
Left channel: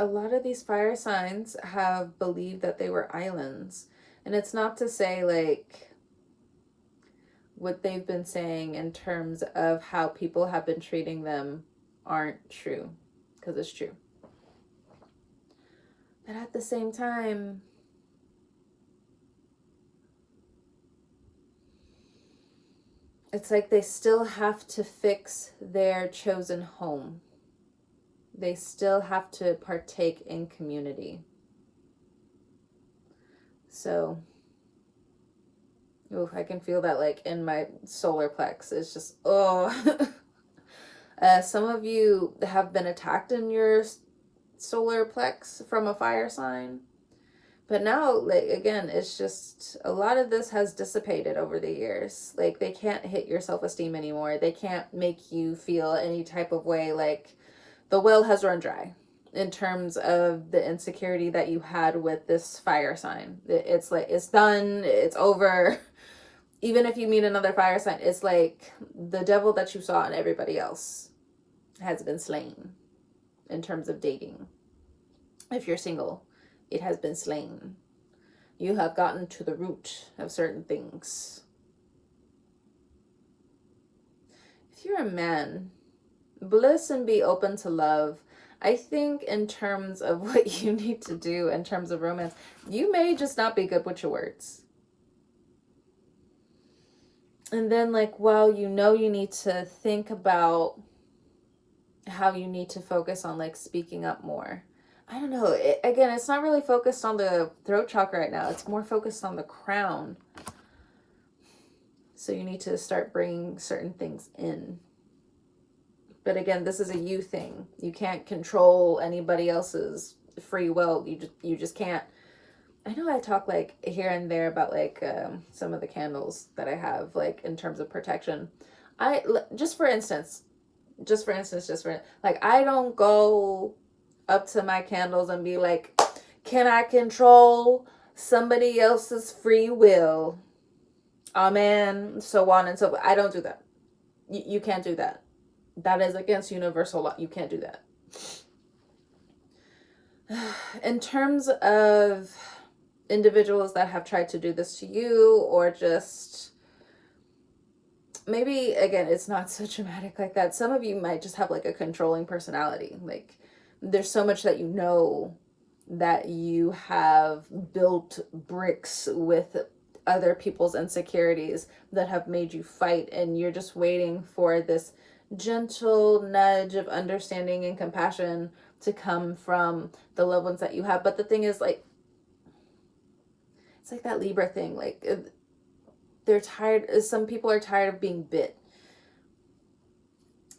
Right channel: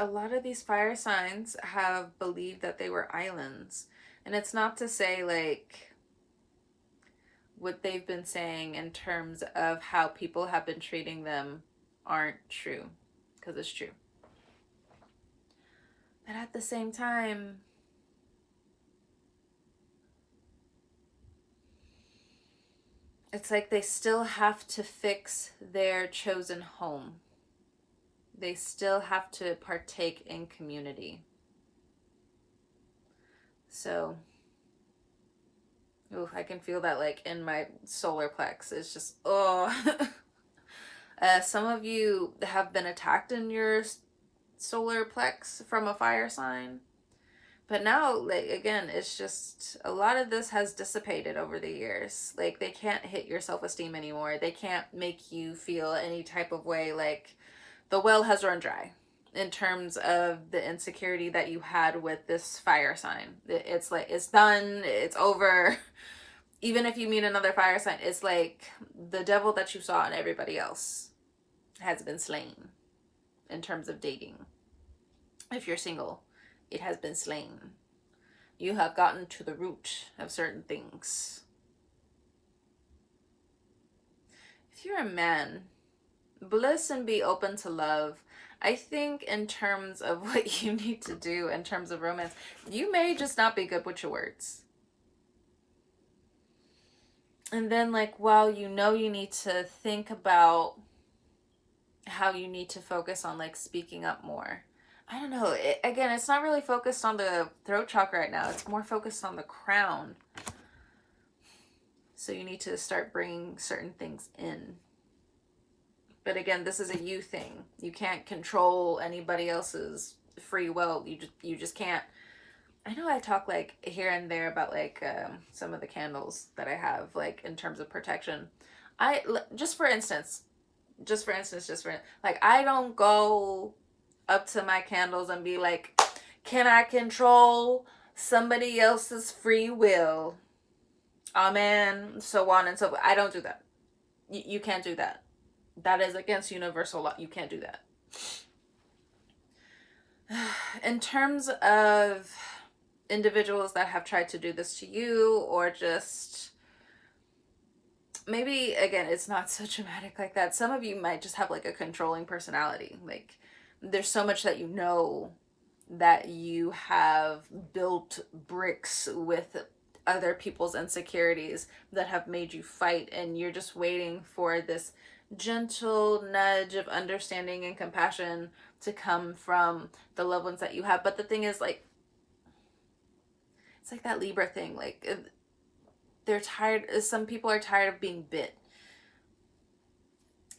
A lot of these fire signs have believed that they were islands. And it's not to say like what they've been saying in terms of how people have been treating them aren't true, because it's true. But at the same time, it's like they still have to fix their chosen home. They still have to partake in community. So, I can feel that like in my solar plex. It's just, some of you have been attacked in your solar plex from a fire sign. But now, like, again, it's just a lot of this has dissipated over the years. Like, they can't hit your self-esteem anymore. They can't make you feel any type of way. Like, the well has run dry in terms of the insecurity that you had with this fire sign. It's like, it's done, it's over. Even if you meet another fire sign, it's like the devil that you saw in everybody else has been slain in terms of dating. If you're single, it has been slain. You have gotten to the root of certain things. If you're a man, bliss and be open to love. I think in terms of what you need to do in terms of romance, you may just not be good with your words. And then, like, well, you know, you need to think about how you need to focus on, like, speaking up more. I don't know. Again, it's not really focused on the throat chakra right now. It's more focused on the crown. So you need to start bringing certain things in. But again, this is a you thing. You can't control anybody else's free will. You just can't. I know I talk like here and there about like some of the candles that I have, like in terms of protection. Just for instance, like, I don't go up to my candles and be like, can I control somebody else's free will? Amen. So on and so forth. I don't do that. You can't do that. That is against universal law. You can't do that. In terms of individuals that have tried to do this to you, or just maybe, again, it's not so dramatic like that. Some of you might just have like a controlling personality. Like, there's so much that you know that you have built bricks with other people's insecurities that have made you fight, and you're just waiting for this gentle nudge of understanding and compassion to come from the loved ones that you have. But the thing is, like, it's like that Libra thing. Like, they're tired. Some people are tired of being bit.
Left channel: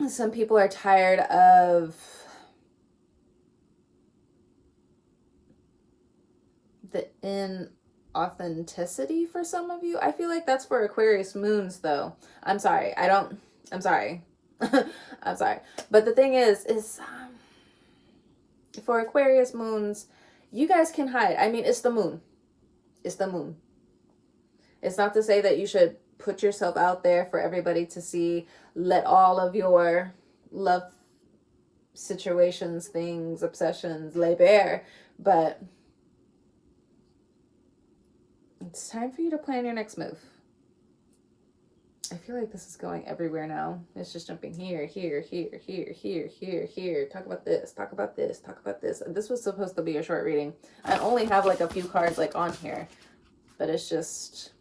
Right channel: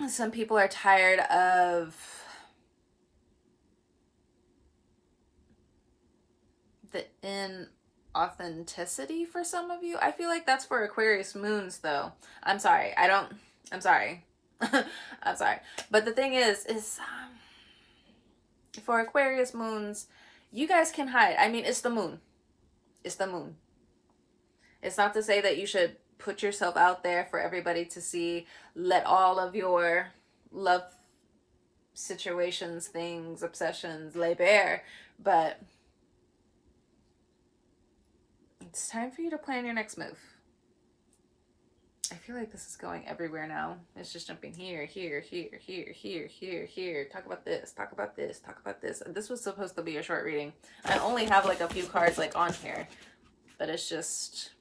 Some people are tired of the inauthenticity for some of you. I feel like that's for Aquarius moons, though. I'm sorry. I'm sorry. I'm sorry. But the thing is for Aquarius moons, you guys can hide. I mean, it's the moon. It's the moon. It's not to say that you should put yourself out there for everybody to see. Let all of your love situations, things, obsessions lay bare. But it's time for you to plan your next move. I feel like this is going everywhere now. It's just jumping here, here, here, here, here, here, here. Talk about this, talk about this, talk about this. This was supposed to be a short reading. I only have like a few cards like on here. But it's just,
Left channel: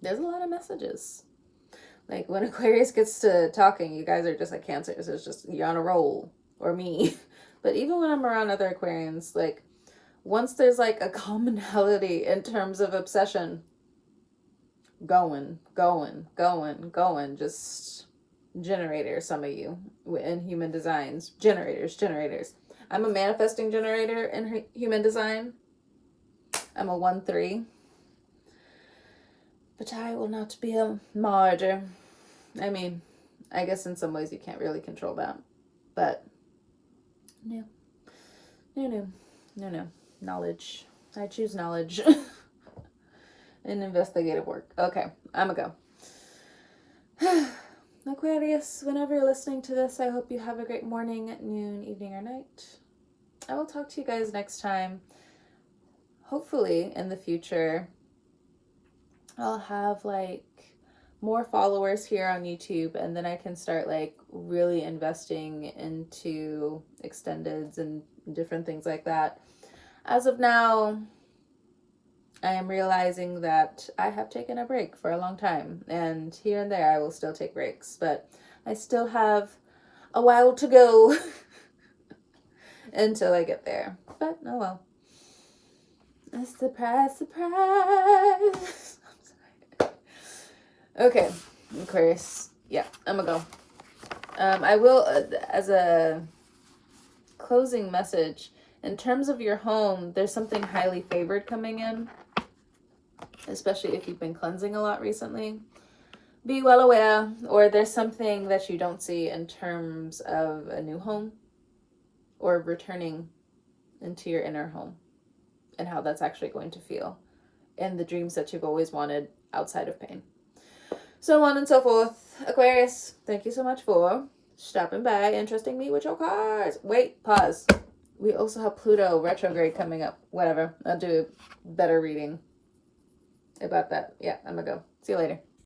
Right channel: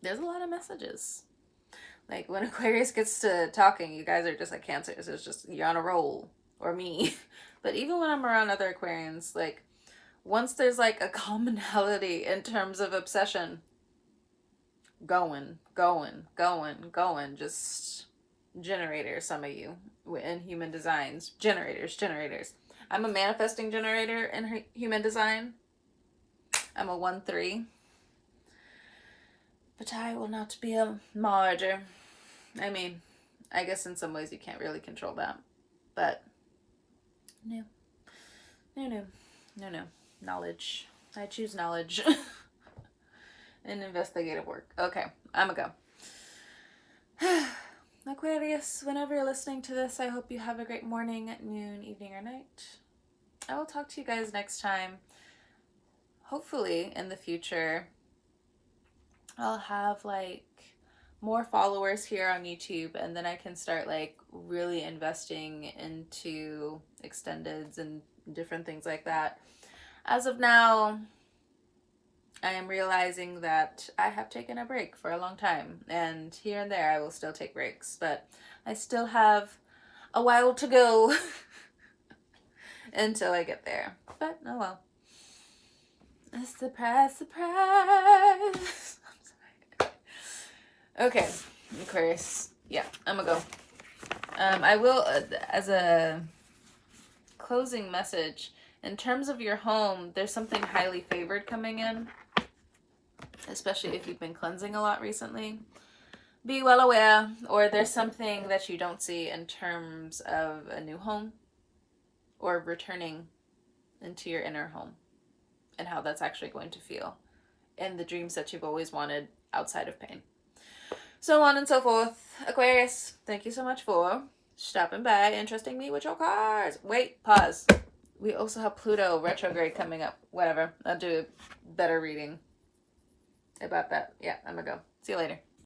there's a lot of messages. Like, when Aquarius gets to talking, you guys are just like Cancers. It's just, you're on a roll. Or me. But even when I'm around other Aquarians, like, once there's like a commonality in terms of obsession, going, just generators, some of you in human designs. Generators. I'm a manifesting generator in human design. I'm a 1-3. But I will not be a martyr. I mean, I guess in some ways you can't really control that. But, no. Knowledge. I choose knowledge. And investigative work. Okay, I'm gonna go. Aquarius, whenever you're listening to this, I hope you have a great morning, noon, evening, or night. I will talk to you guys next time. Hopefully, in the future, I'll have like more followers here on YouTube, and then I can start like really investing into extendeds and different things like that. As of now, I am realizing that I have taken a break for a long time, and here and there I will still take breaks, but I still have a while to go until I get there. But oh well. Surprise. Okay, Aquarius. Yeah, I'm gonna go. I will, as a closing message, In terms of your home, there's something highly favored coming in, especially if you've been cleansing a lot recently. Be well aware, or there's something that you don't see in terms of a new home or returning into your inner home and how that's actually going to feel, and the dreams that you've always wanted outside of pain. So on and so forth. Aquarius, thank you so much for stopping by and trusting me with your cards. Wait, pause. We also have Pluto retrograde coming up. Whatever. I'll do a better reading about that. Yeah, I'm gonna go. See you later.